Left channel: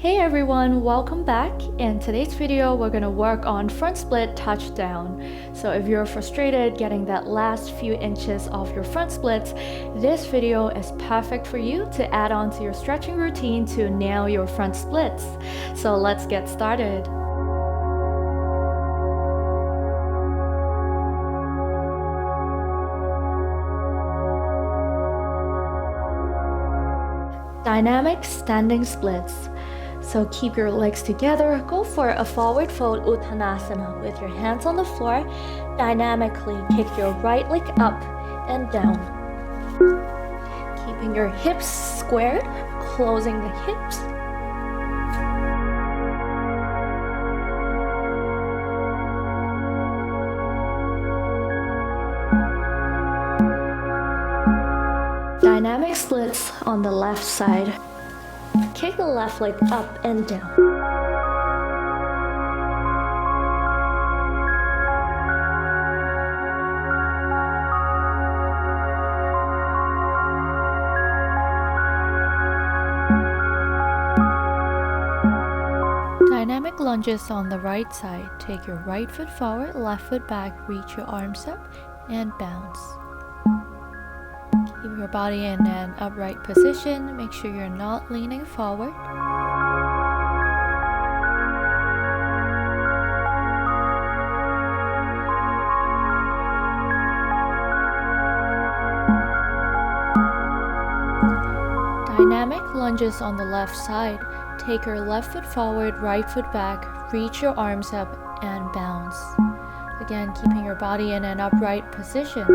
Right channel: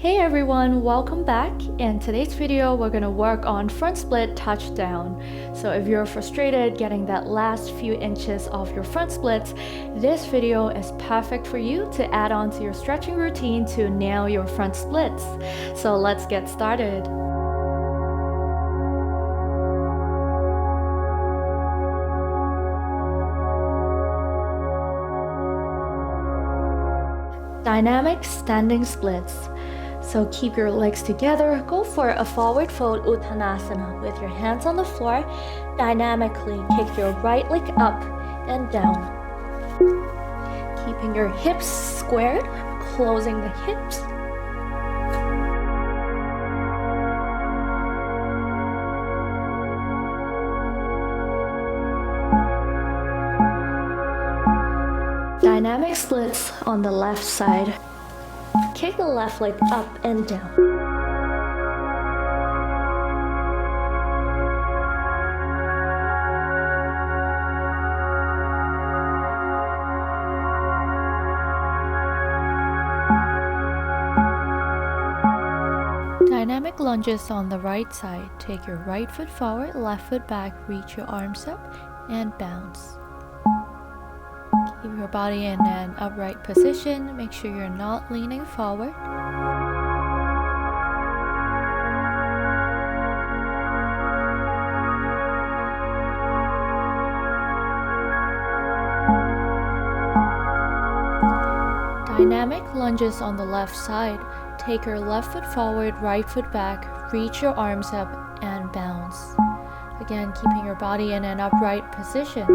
Hey everyone, welcome back. In today's video, we're gonna work on front split touchdown. So if you're frustrated getting that last few inches of your front splits, this video is perfect for you to add on to your stretching routine to nail your front splits. So let's get started. Dynamic standing splits. So keep your legs together, go for a forward fold Uttanasana with your hands on the floor. Dynamically kick your right leg up and down. Keeping your hips squared, closing the hips. Dynamic splits on the left side. Kick the left leg up and down. Dynamic lunges on the right side. Take your right foot forward, left foot back, reach your arms up, and bounce. Keep your body in an upright position. Make sure you're not leaning forward. Dynamic lunges on the left side. Take your left foot forward, right foot back, reach your arms up, and bounce. Again, keeping your body in an upright position.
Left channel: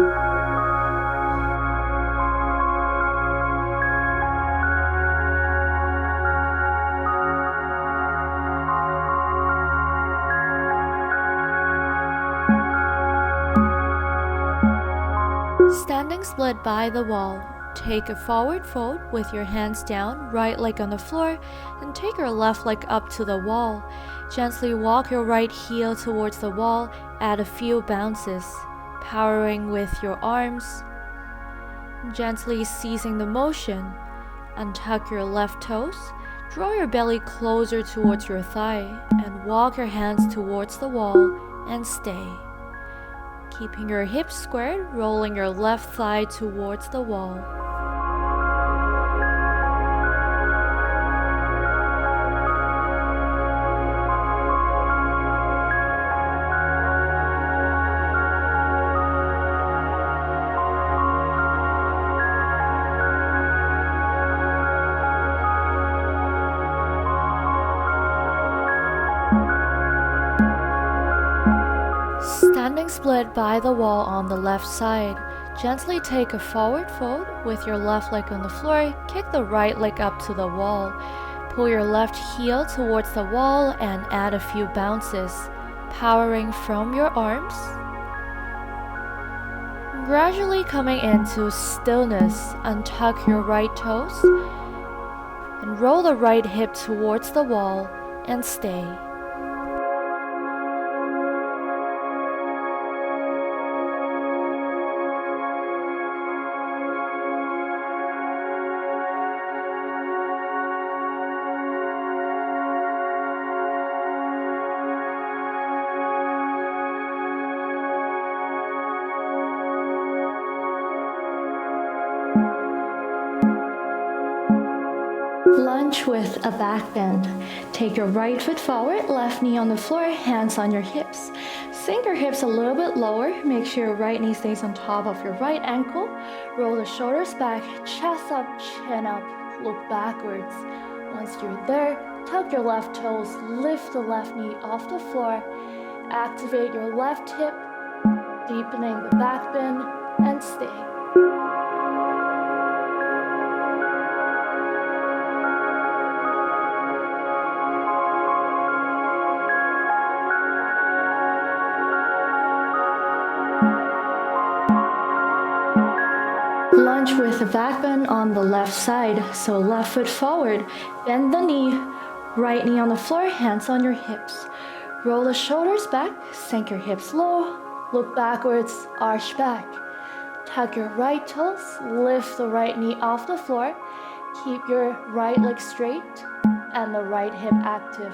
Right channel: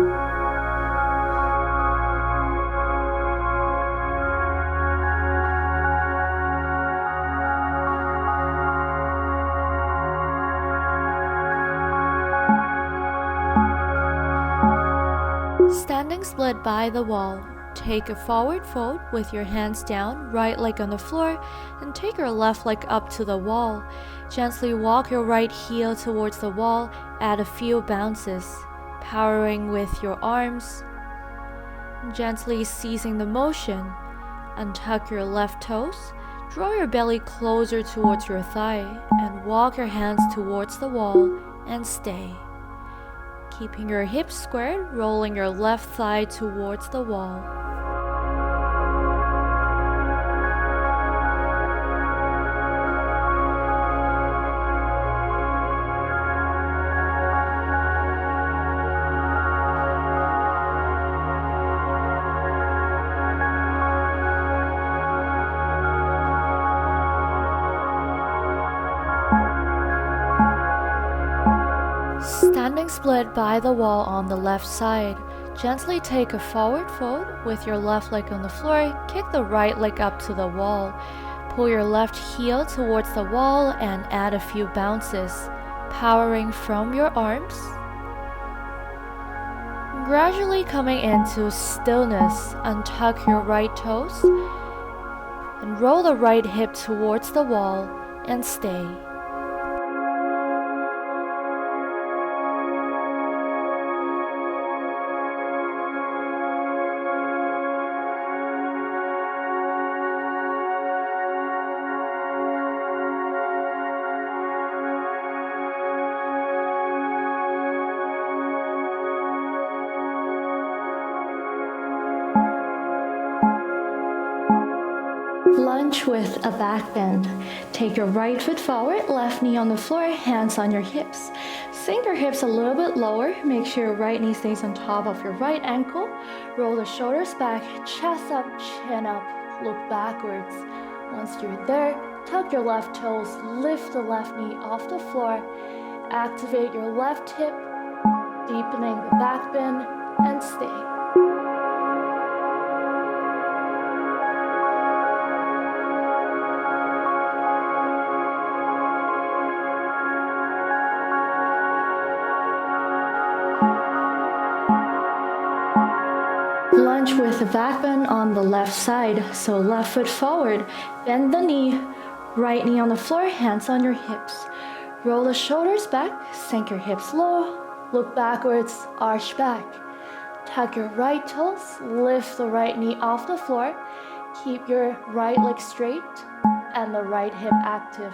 Standing split by the wall. Take a forward fold with your hands down, right leg on the floor, and take your left leg up to the wall. Gently walk your right heel towards the wall, add a few bounces, powering with your arms. Gently seizing the motion, untuck your left toes, draw your belly closer towards your thigh, and walk your hands towards the wall and stay. Keeping your hips squared, rolling your left thigh towards the wall. Standing split by the wall on the left side. Gently take a forward fold with your left leg on the floor. Kick the right leg up to the wall. Pull your left heel towards the wall and add a few bounces, powering from your arms. Gradually coming into stillness, untuck your right toes and roll the right hip towards the wall and stay. Lunge with a back bend. Take your right foot forward, left knee on the floor, hands on your hips. Sink your hips a little bit lower. Make sure your right knee stays on top of your right ankle. Roll the shoulders back, chest up, chin up, look backwards. Once you're there, tuck your left toes, lift the left knee off the floor. Activate your left hip, deepening the back bend, and stay. Lunge with the back bend on the left side. So left foot forward, bend the knee, right knee on the floor, hands on your hips. Roll the shoulders back, sink your hips low, look backwards, arch back. Tuck your right toes, lift the right knee off the floor. Keep your right leg straight and the right hip active.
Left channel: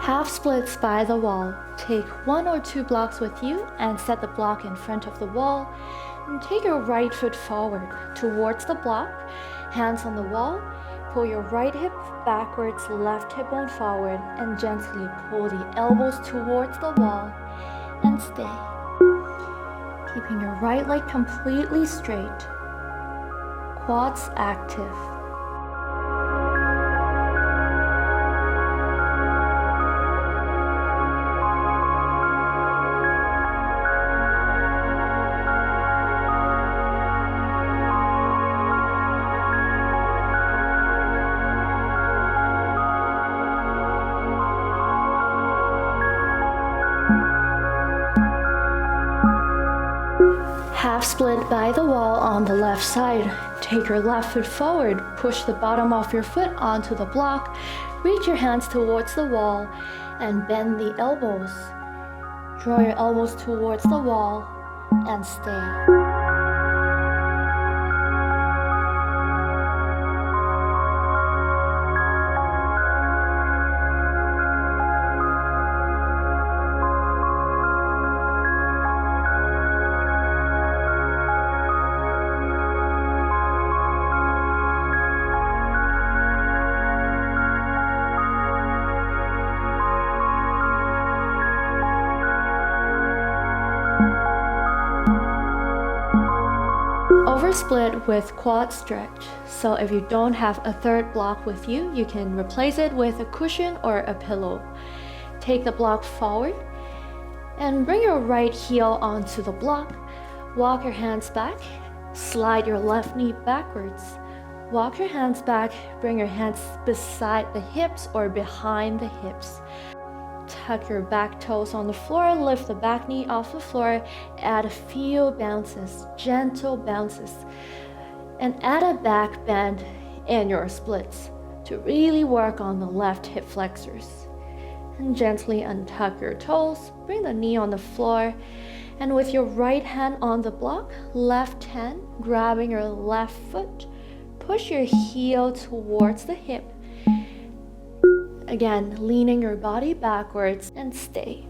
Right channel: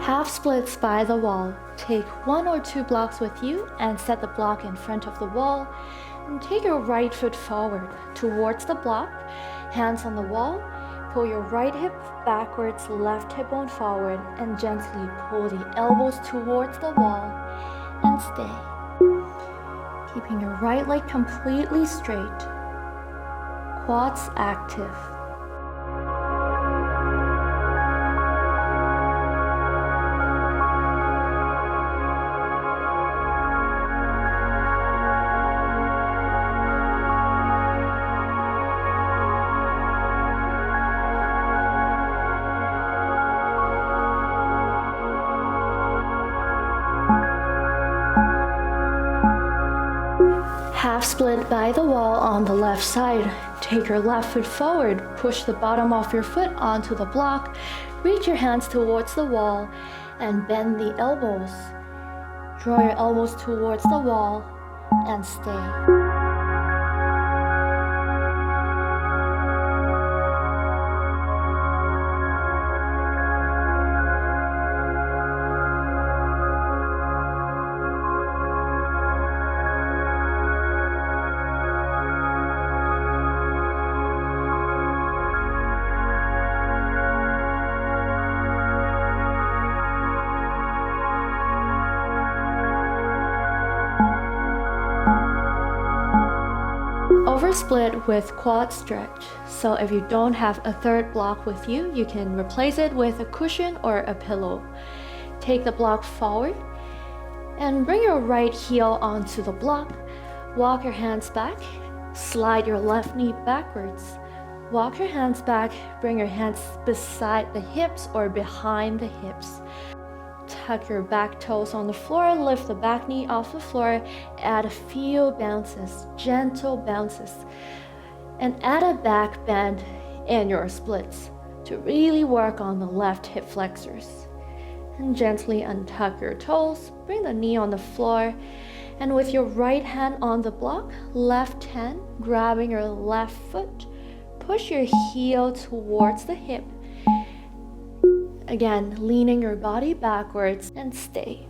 Half splits by the wall. Take 1 or 2 blocks with you and set the block in front of the wall. And take your right foot forward towards the block, hands on the wall. Pull your right hip backwards, left hip bone forward, and gently pull the elbows towards the wall and stay. Keeping your right leg completely straight. Quads active. Half split by the wall on the left side. Take your left foot forward, push the bottom of your foot onto the block, reach your hands towards the wall, and bend the elbows. Draw your elbows towards the wall and stay. Oversplit with quad stretch. So if you don't have a third block with you, you can replace it with a cushion or a pillow. Take the block forward and bring your right heel onto the block. Walk your hands back. Slide your left knee backwards. Walk your hands back. Bring your hands beside the hips or behind the hips. Tuck your back toes on the floor, lift the back knee off the floor, add a few bounces, gentle bounces, and add a back bend in your splits to really work on the left hip flexors. And gently untuck your toes, bring the knee on the floor, and with your right hand on the block, left hand grabbing your left foot, push your heel towards the hip. Again, leaning your body backwards and stay.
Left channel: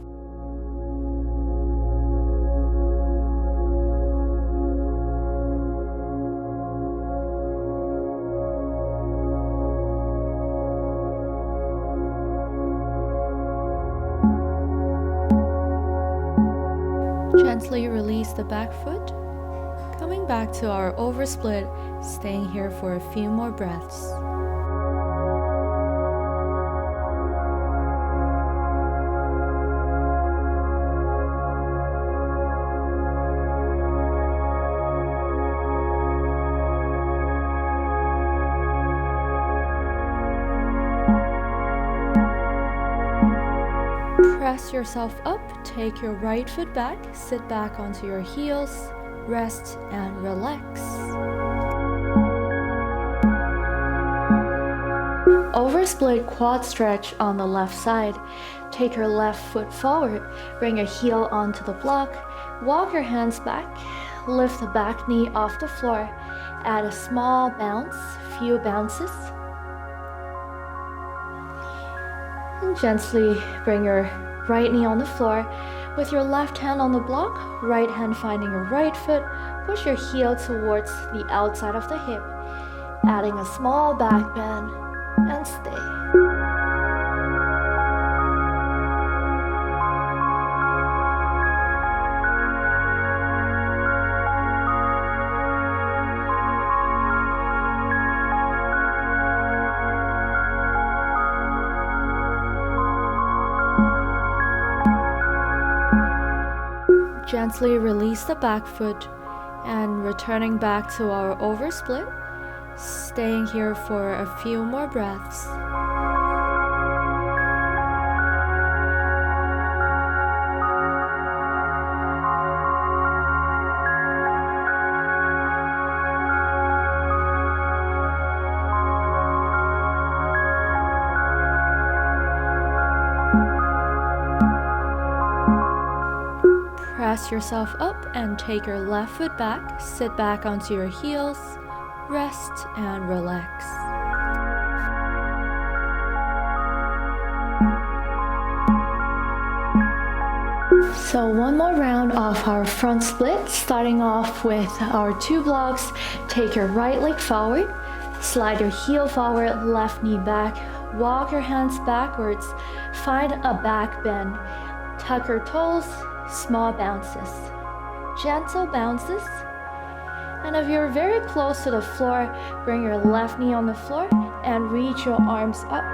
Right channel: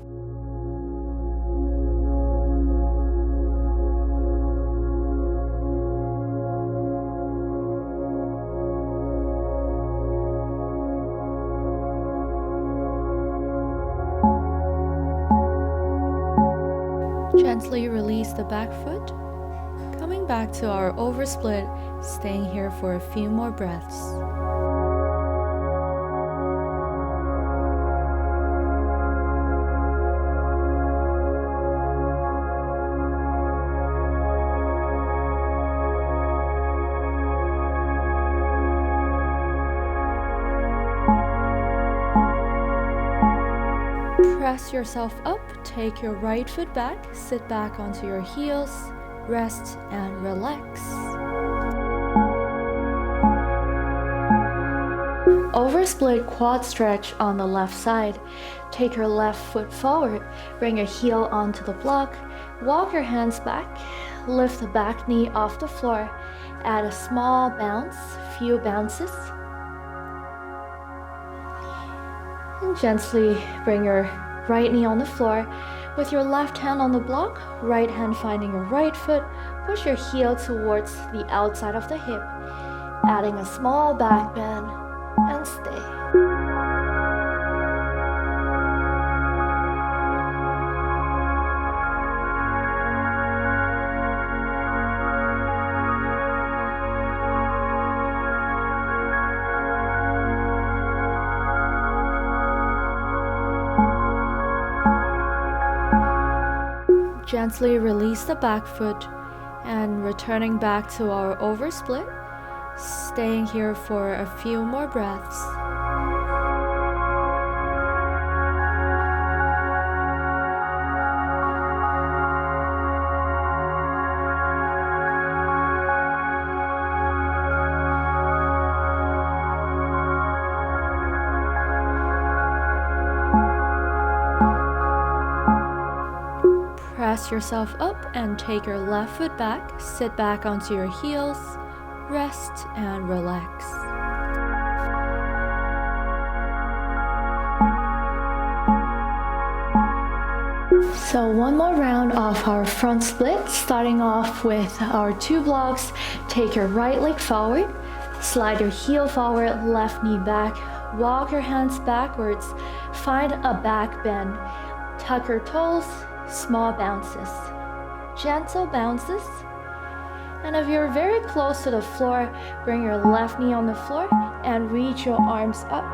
Gently release the back foot. Coming back to our oversplit, staying here for a few more breaths. Press yourself up, take your right foot back, sit back onto your heels, rest and relax. Oversplit quad stretch on the left side. Take your left foot forward, bring your heel onto the block, walk your hands back, lift the back knee off the floor, add a small bounce, few bounces, and gently bring your right knee on the floor. With your left hand on the block, right hand finding your right foot, push your heel towards the outside of the hip, adding a small back bend and stay. Gently release the back foot and returning back to our oversplit, staying here for a few more breaths. Press yourself up and take your left foot back. Sit back onto your heels. Rest and relax. So one more round of our front split, starting off with our 2 blocks. Take your right leg forward, slide your heel forward, left knee back, walk your hands backwards, find a back bend, tuck your toes, small bounces, gentle bounces. And if you're very close to the floor, bring your left knee on the floor and reach your arms up.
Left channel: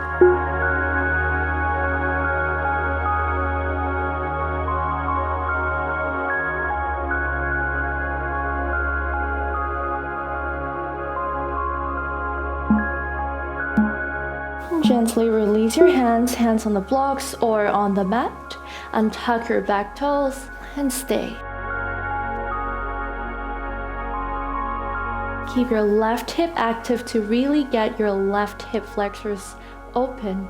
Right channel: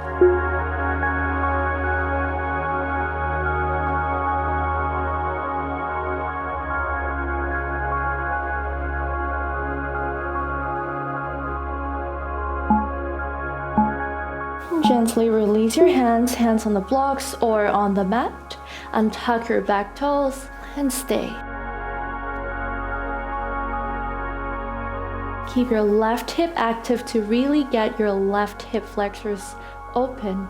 Gently release your hands on the blocks or on the mat, and tuck your back toes and stay. Keep your left hip active to really get your left hip flexors open.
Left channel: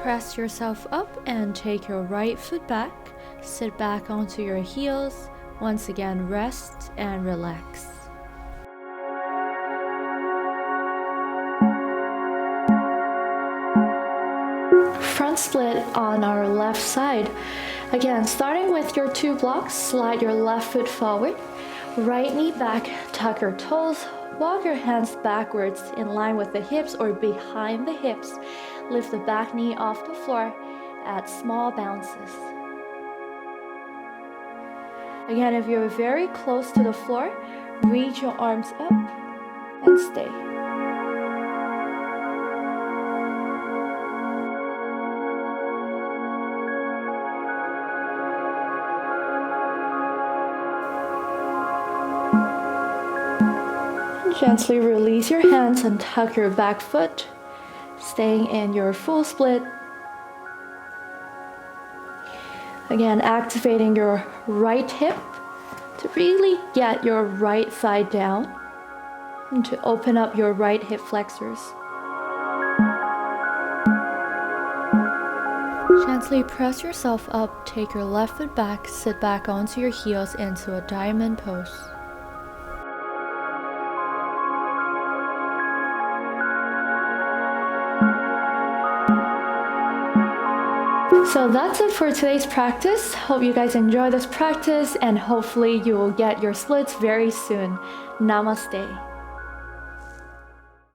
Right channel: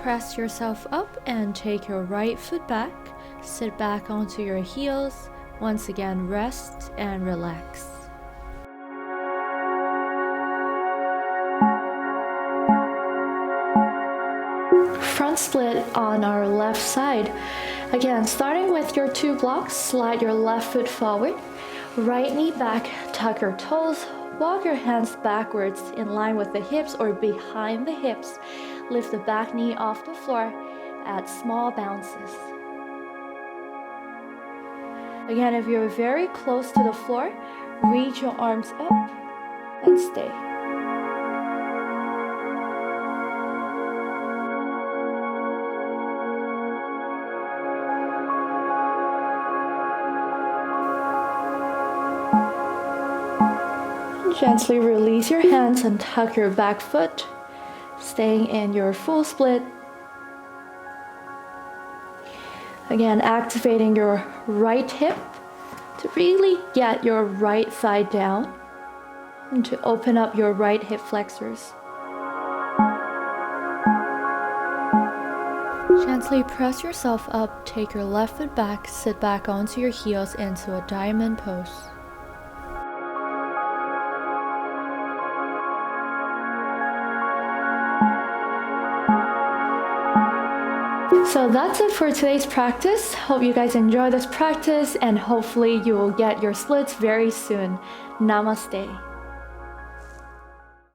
Press yourself up and take your right foot back. Sit back onto your heels. Once again, rest and relax. Front split on our left side. Again, starting with your 2 blocks, slide your left foot forward, right knee back, tuck your toes, walk your hands backwards in line with the hips or behind the hips. Lift the back knee off the floor, add small bounces. Again, if you're very close to the floor, reach your arms up and stay. Gently release your hands and tuck your back foot, staying in your full split. Again, activating your right hip to really get your right side down and to open up your right hip flexors. Gently press yourself up, take your left foot back, sit back onto your heels into a diamond pose. So that's it for today's practice. Hope you guys enjoy this practice and hopefully you will get your splits very soon. Namaste.